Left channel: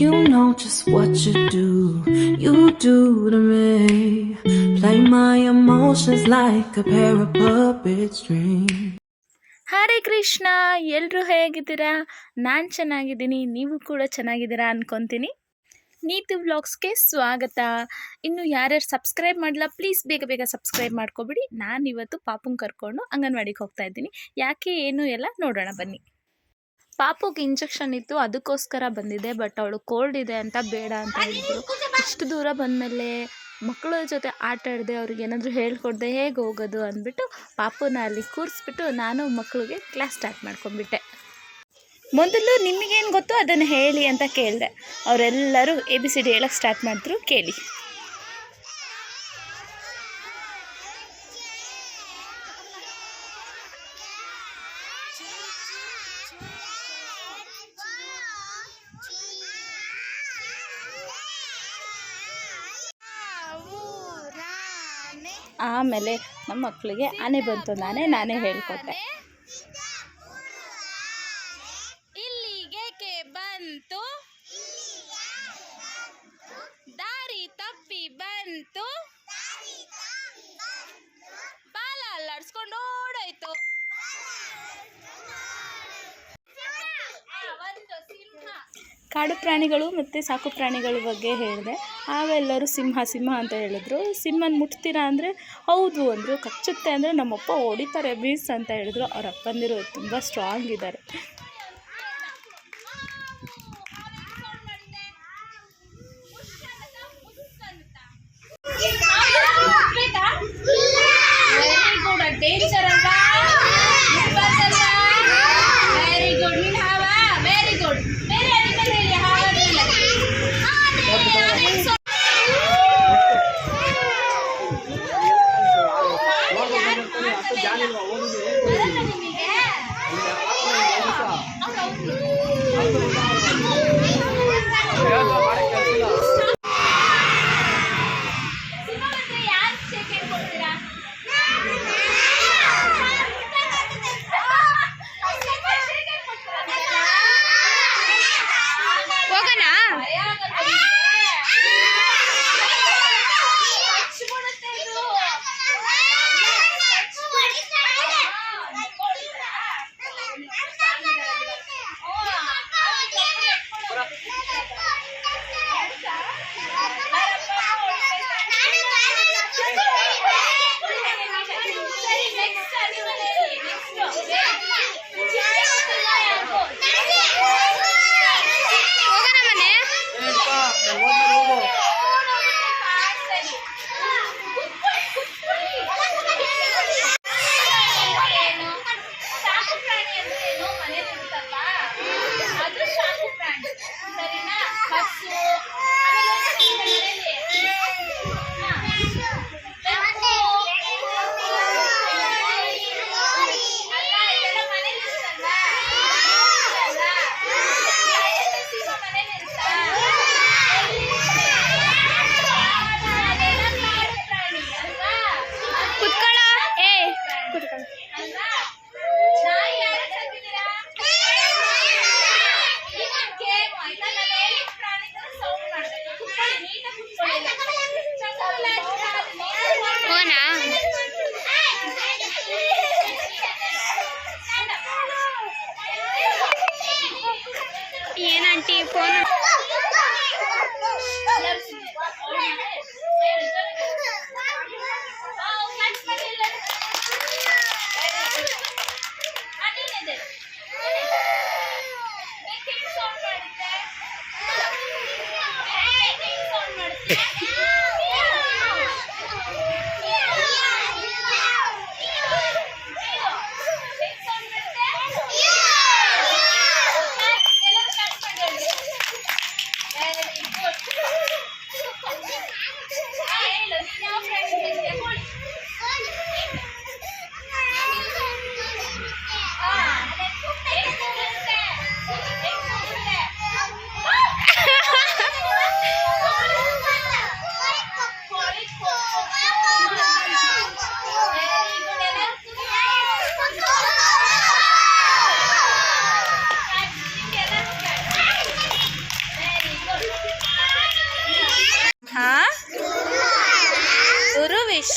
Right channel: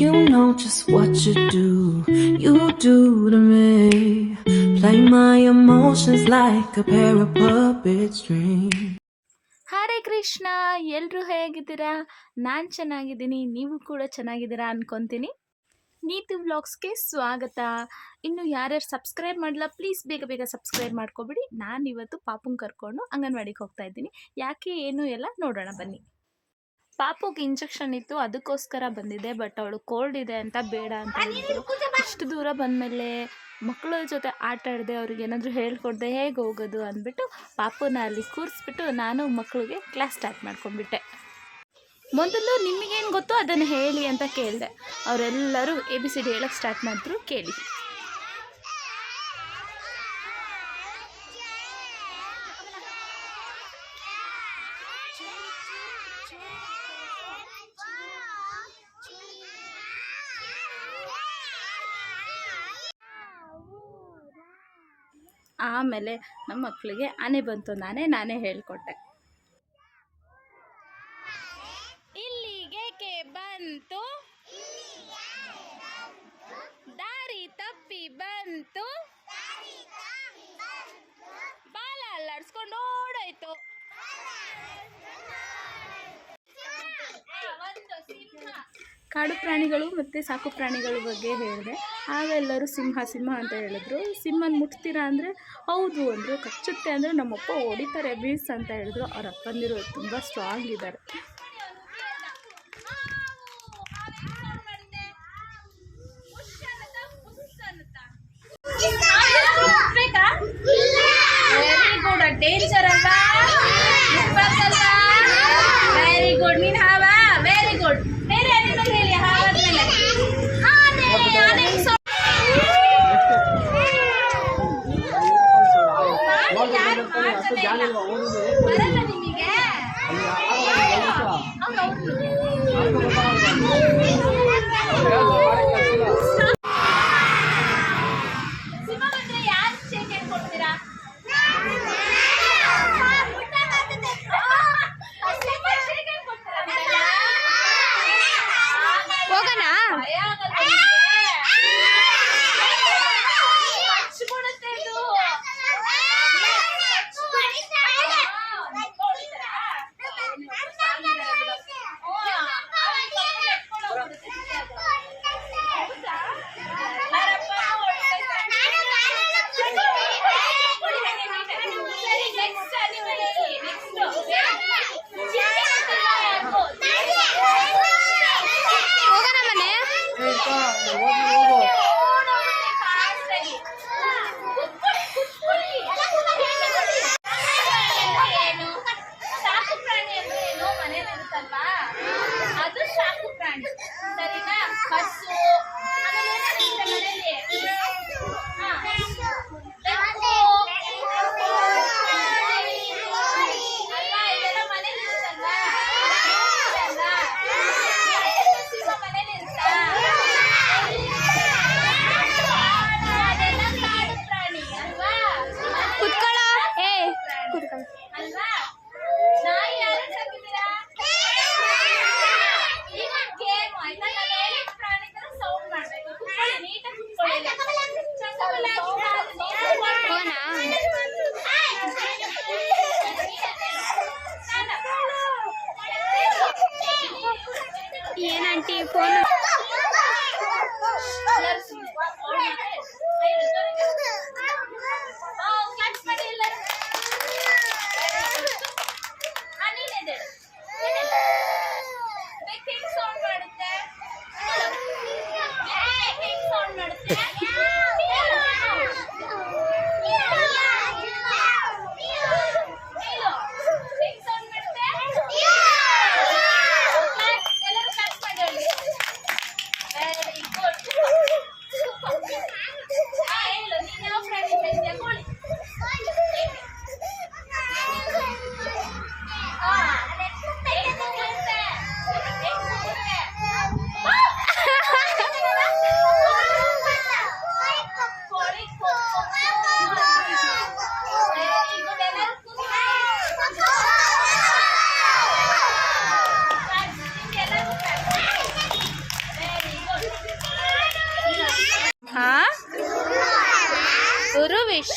You know just what you do to me. Play my emotions like a pair of puppet strings. Hare Krishna, ಎಲ್ಲರೂ ಹೇಗಿದ್ದೀರಾ? ನಾನು ಚೆನ್ನಾಗಿದ್ದೀನಿ, ನೀವು ಕೂಡ ಚೆನ್ನಾಗಿದ್ದೀರಾ ಅನ್ಕೊತೀನಿ. ನೀತು ವ್ಲಾಗ್ಸ್ಗೆ ಸ್ವಾಗತ. ಇನ್ನು ಯಾರ್ಯಾರು ಸಬ್ಸ್ಕ್ರೈಬ್ ಮಾಡಿಲ್ಲ ಪ್ಲೀಸ್ ಬೇಗ ಬೇಗ ಸಬ್ಸ್ಕ್ರೈಬ್ ಮಾಡ್ಕೊಬಿಡಿ. ನಾನು ಇವತ್ತು ಪಾಪುಂಗೆ ಕರ್ಕೊಂಡು ಅಂಗನವಾಡಿಗೆ ಹೋಗ್ತಾ ಇದ್ದೀನಿ. ಯಾಕೆ ಏನು ಎಲ್ಲ ನೋಡೋಣ ಬನ್ನಿ. ಪಾಪುಗೆ ಇಂಜೆಕ್ಷನ್ ಇತ್ತು, ಅದಕ್ಕೋಸ್ಕರ ಬಂದಿದೆ. ಬಟ್ ಅವಳು ಕೋಲ್ಡ್ ಇದೆ ಅಂತ ಬೇಡ ಅಂತ ಹೇಳಿದ್ರು. ಇಷ್ಟು ದೂರ ಬಂದಮೇಲೆ ಮಕ್ಕಳ ಜೊತೆ ಆಟ ಆಡದೆ ಅವ್ರಿಗೆ ಏನಾದರೂ ಹೇಳ್ಕೊಡ್ದೆ ಹೇಗೆ ಹೋಗೋದು ಅಂದ್ಬಿಟ್ಟು ಪಾಪುನ ಅಲ್ಲಿ ಕೂರಿಸ್ಬಿಟ್ಟು ನಾನು ಮಕ್ಕಳಿಗೆ ಕ್ಲಾಸ್ ಸ್ಟಾರ್ಟ್ ಮಾಡ್ಕೊಂಡ್ಬಿಟ್ಟೆ. ಮೊದಲು ನಿಮಗೇನು ಗೊತ್ತು ಅದನ್ನು ಹೇಳಿ ಅಂತ ಕೇಳಿದೆ. ಅವರೆಲ್ಲರೂ ABCD ಹೇಳಕ್ಕೆ ಸ್ಟಾರ್ಟ್ ಮಾಡಿದ್ರು, ಕೇಳಿ. ಆಮೇಲೆ ನಮ್ಮ ಮಕ್ಕಳಿಗೆ ಆನೆ ಬಂತು ನಾನೇ ಹೇಳ್ಕೊಟ್ಟೆ. ಇಲ್ಲಿಗೆ ಬಂತು, ದಾರಿ ತಪ್ಪಿ ಬಂತು, ಬಾಲ ಅಲ್ಲಾಡ್ಸ್ಕೊಂಡು ಓಡೋಯ್ತು. ಕಾಡು ಪ್ರಾಣಿಗಳು ಮತ್ತು ಸಾಕು ಪ್ರಾಣಿಗಳ ಬಗ್ಗೆ ಹೇಳಿದೆ. ಆಗ ಎಲ್ಲರೂ ಸಿಂಹ ಅಂತ ಹೇಳಿದ್ರು. ಸಿಂಹನ ಮುಟ್ತೀರಾ ಅಂದರೆ ಹೌದು ಅಂದರು. ಕಚ್ಚುತ್ತೆ ಅಂದರೆ ನಮ್ಮಪ್ಪ ಹೊಡಿತಾರೆ ಬೀಸ್ ಅಂತ ಹೇಳಿದ್ರು. ಅವ್ರ ಅಪ್ಪಂದಿರು ತುಂಬ ಸ್ಟ್ರಾಂಗ್ ಇದ್ದಾರೆ. ಡೇಂಜರ್ ಅಲ್ಲ, ವೆರಿ ಗುಡ್. ನೀನು ಹಾವ, ವೆರಿ ಗುಡ್. ಬೇರೆ ಅನಿಮಲ್ ಹೇಳಿ ಹಾವಾದ್ಮೇಲೆ. ಬರಲ್ಲ ನಿಮಗೆ? ಏನಂಟಿ ಫೋನ್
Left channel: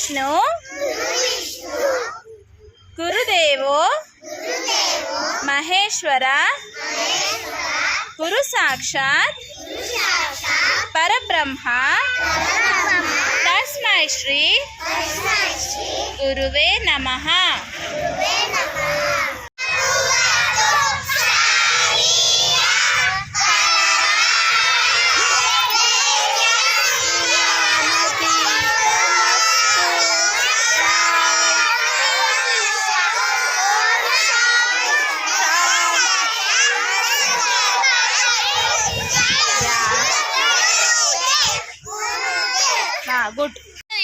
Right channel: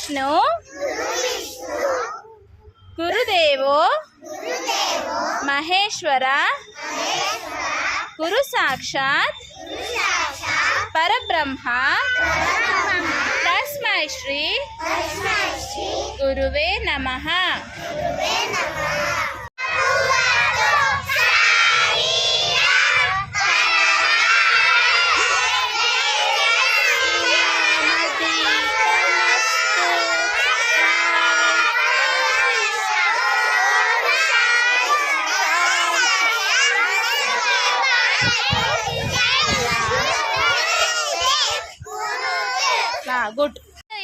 ವಿಷ್ಣು ಗುರುದೇವೋ ಮಹೇಶ್ವರ ಗುರು ಸಾಕ್ಷಾತ್ ಪರಬ್ರಹ್ಮ ತಸ್ಮೈ ಶ್ರೀ ಗುರುವೇ ನಮಃ. ಗುಡ್.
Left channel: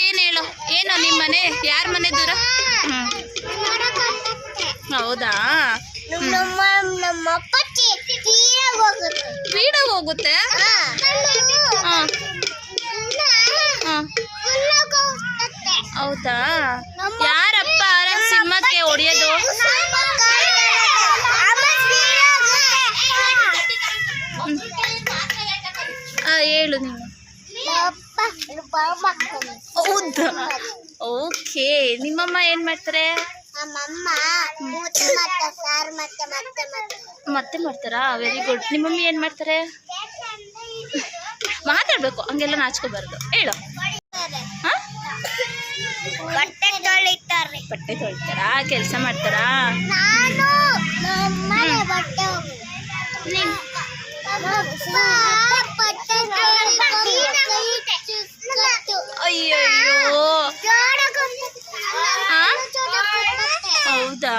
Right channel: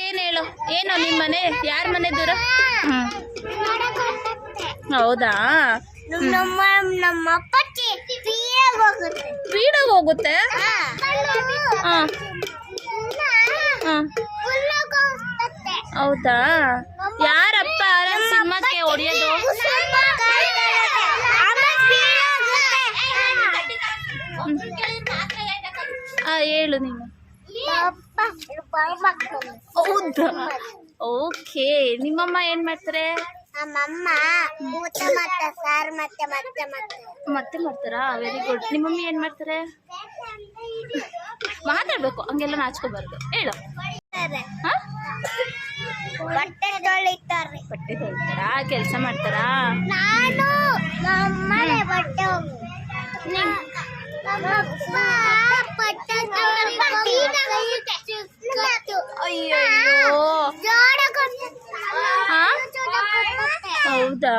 ಏನು ಹೇಳು, ಏನು ನಿಮ್ಮ ಮನೆ ಯಾರ ಮನೆ ದೂರ? ಹೌದಾ, ನಮ್ಮಪ್ಪ ಸ್ಪೀಡ ಹೋಗುತ್ತೆ. ಹೌದಾ, ಯಾರಪ್ಪ ಸಿಂಹಕ್ಕೆ ಹೊಡೆಯೋದು? ಹೇಳು ನೀನು. ಹೌದಾ, ಓಕೆ. ನಿಮ್ಮಮ್ಮ ಏನ್ ಮಾಡ್ತಾರೆ? ನಮ್ಮಮ್ಮ ಸಾರು ಮತ್ತೆ ಮಾಡ್ತಾರಾ? Very good. ನಿಮ್ಮಮ್ಮಿ ಏನ್ ಮಾಡ್ತಾರೆ? ಮಾತಾಡ್ಬೇಕು, ಹಂಗೆಲ್ಲ ನಾಚ್ಕೋಬಾರ್ದು. ಹೇಳು. ಬಟ್ಟೆ ತೊಳಿತಾರೆ. ಬಟ್ಟೆ ತೊಳಿತಾರಾ? ಕೆಲಸ ಮಾಡ್ತಾರಾ? ಅಯ್ಯಯ್ಯೋ, ಹೌದಾ?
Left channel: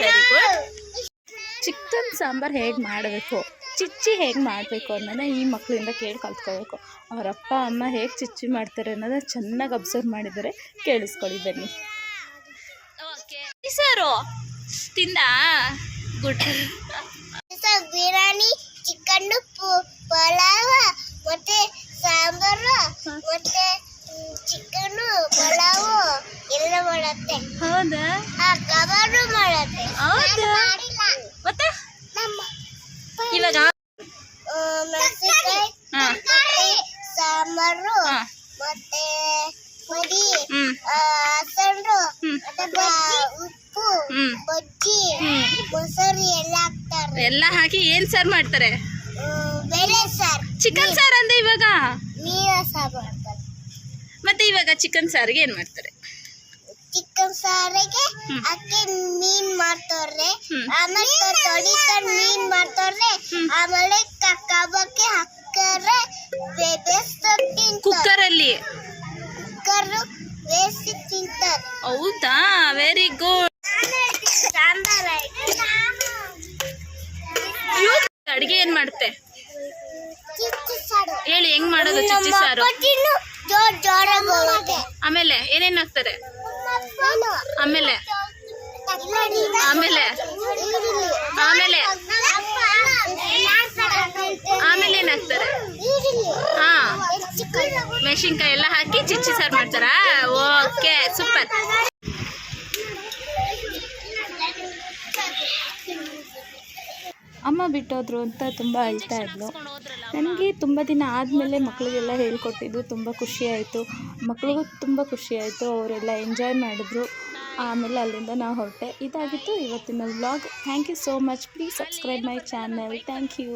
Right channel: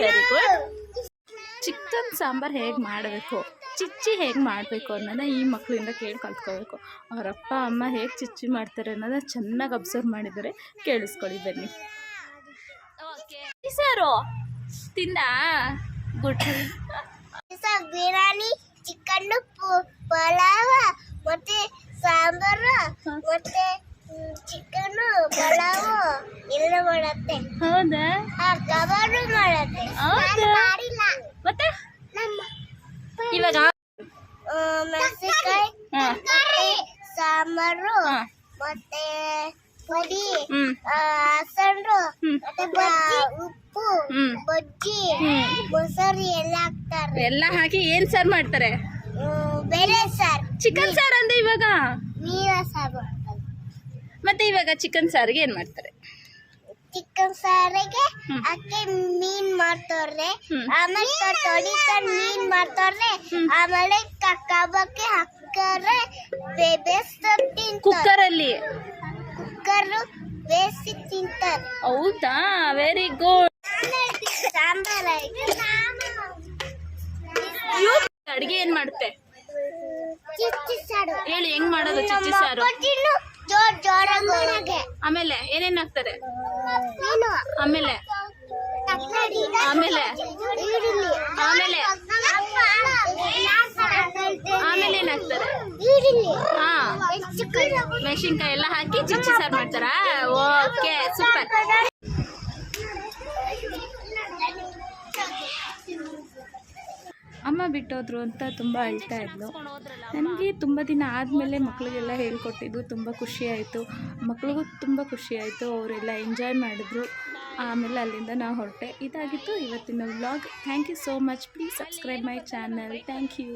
Very good. ಚಿಕನ್ ಸಾಂಬಾರ್ ಹೇಗೆ ಮಾಡಬೇಕು, ಚಿಚ್ಚಿ ಹೇಗೆ ಮಾಡಬೇಕು ಅನ್ನೋದನ್ನ ಈ ಮಕ್ಕಳಿಂದ ಕೇಳಿ ಕಲ್ತ್ಕೋಬೇಕು. ಅವರಪ್ಪ ಅಮ್ಮ ಹೇಗೆ ಚಿಚ್ಚಿ ಮಾಡ್ತಾರೆ ಅನ್ನೋದನ್ನ ಚೆನ್ನಾಗಿ ಅಬ್ಸರ್ವ್ ಮಾಡಿದರೆ ಕೇಳಿಸ್ಕೊಳ್ಳಿ ಬನ್ನಿ. ಓಕೆ ಸರು ತಿಂದ ಗುಡ್. ಬಿರಿಯಾನಿ, ಚಿಕನ್, ಪಲಾವ್ ಮತ್ತೆ ಸಾಂಬಾರು ಮತ್ತೆ ಚಿಕನ್ ಪಲಾವ್ ಎಲ್ಲ ಮಾಡುತ್ತೆ. ಹೌದಾ? ಕಬಾಬ್ ಮಾಡುತ್ತೆ. ಹೌದಾ? ಮತ್ತೆ ಇವಾಗ ಮೆಣಸಿನಕಾಯಿ ಮತ್ತೆ ಸಾಂಬಾರು ಮತ್ತೆ ಪುಡಿ, ಹಸರು ಮತ್ತೆ ಉಪ್ಪು, ಬಜ್ಜಿ, ಮೊಸರು ಎಲ್ಲ ಹಾಕ್ತಾರೆ. ಎಲ್ಲ ಹಾಕಿ ಏನ್ ಸಾರು ಮಾಡ್ತಾರೆ? ಬೇಳೆ ಸಾರು. ಚಿಕನ್ ಸಾರು ಅಂದೆ ಇವಾಗ. ನೀರ ಸಾರು ಮಾಡ್ತಾರೆ. ಮತ್ತೆ ಇವಾಗ ಚಿಕನ್ ಸಾರಿಗೆ ಏನ್ ಮಾಡ್ತಾರೆ? ಚಿಕನ್ ಸಾರಿಗೆ ಅಕ್ಕಿ ಮೀನ್ ಮಾಡ್ತಾರೆ, ಆಮೇಲೆ ತೊಳಿತಾರೆ ಮೀನ್ ಮಾಡ್ತಾರೆ, ಆಮೇಲೆ ಕಬಾಬ್ಗೆ ಹಾಕ್ತಾರೆ, ಕುಕ್ಕರಲ್ಲಿ ಬೇಯಿಸಿ ತಿಂತಾರೆ. ಹೌದಾ? Very good. ಅಡಿಗೆ ಏನ್ ಮಾಡುತ್ತೆ ಹೇಳಿ, ಹೆಂಗ್ ಮಾಡೋದು ಚಿಚ್ಚಿ ಸಾರು? ಆಮೇಲೆ ಏನೇನ್ ಹಾಕ್ತಾರೆ? ಆಮೇಲೆ ಆಮೇಲೆ ಆಮೇಲೆ ಆಮೇಲೆ ಏನ್ ಹಾಕ್ತಾರೆ? ಹಾ, ಮೆಣಸಿನ್ಕಾಯಿ ಎಲ್ಲ ಹಾಕಿ ಚಿಚ್ಚಿ ಸಾರು ಮಾಡ್ತಾರಾ? Okay, super. ಅಮ್ಮ ಬಿಟ್ಟೋದ್ರು ಅಂತ ತುಂಬ ಅಳ್ತಾ ಇದ್ಲು. ನನಗೆ ತುಂಬ ದಿನ ಆದಮೇಲೆ ಮಕ್ಕಳಿಗೆಲ್ಲ ಹೇಳ್ಕೊಟ್ಟಿದ್ದು ತುಂಬ ಖುಷಿಯಾಯಿತು. ಮಕ್ಳಿಗೂ ತುಂಬ ಖುಷಿಯಾಯಿತು, ಅವರೆಲ್ಲ ಎಂಜಾಯ್ ಮಾಡಿದ್ರು. ಆಮೇಲೆ ಅಲ್ಲಿಂದ ನಾವು ಹೊರಟೆ. ಇದಾಗಿತ್ತು ಇವತ್ತಿನ vlog. Thank you so much. Please subscribe my channel. Thank you.